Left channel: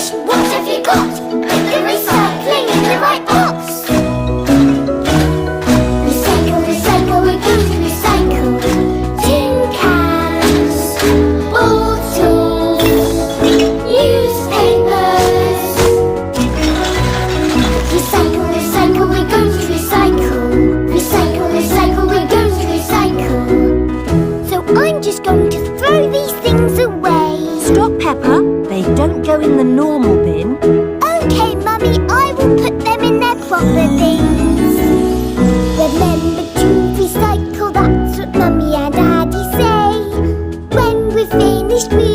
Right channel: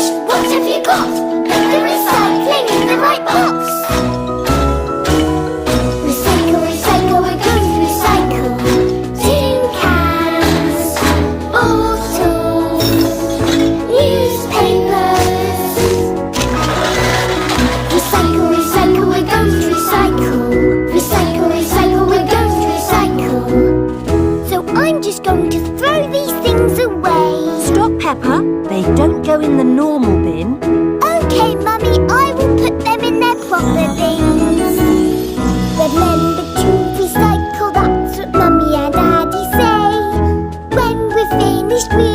finished, what have you got? Put the recycling in the right box. Recycle, recycle, we're going to recycle. Tin cans, bottles, newspapers. Recycle, recycle, we're going to recycle. Recycle, recycle, we're going to recycle. So I'm just going to throw these things away. Stop, Peppa. They don't go in the normal bin. OK, Mummy, I will put them in their proper bins. Remember to recycle, that's what Mummy and Daddy say. When we're finished, we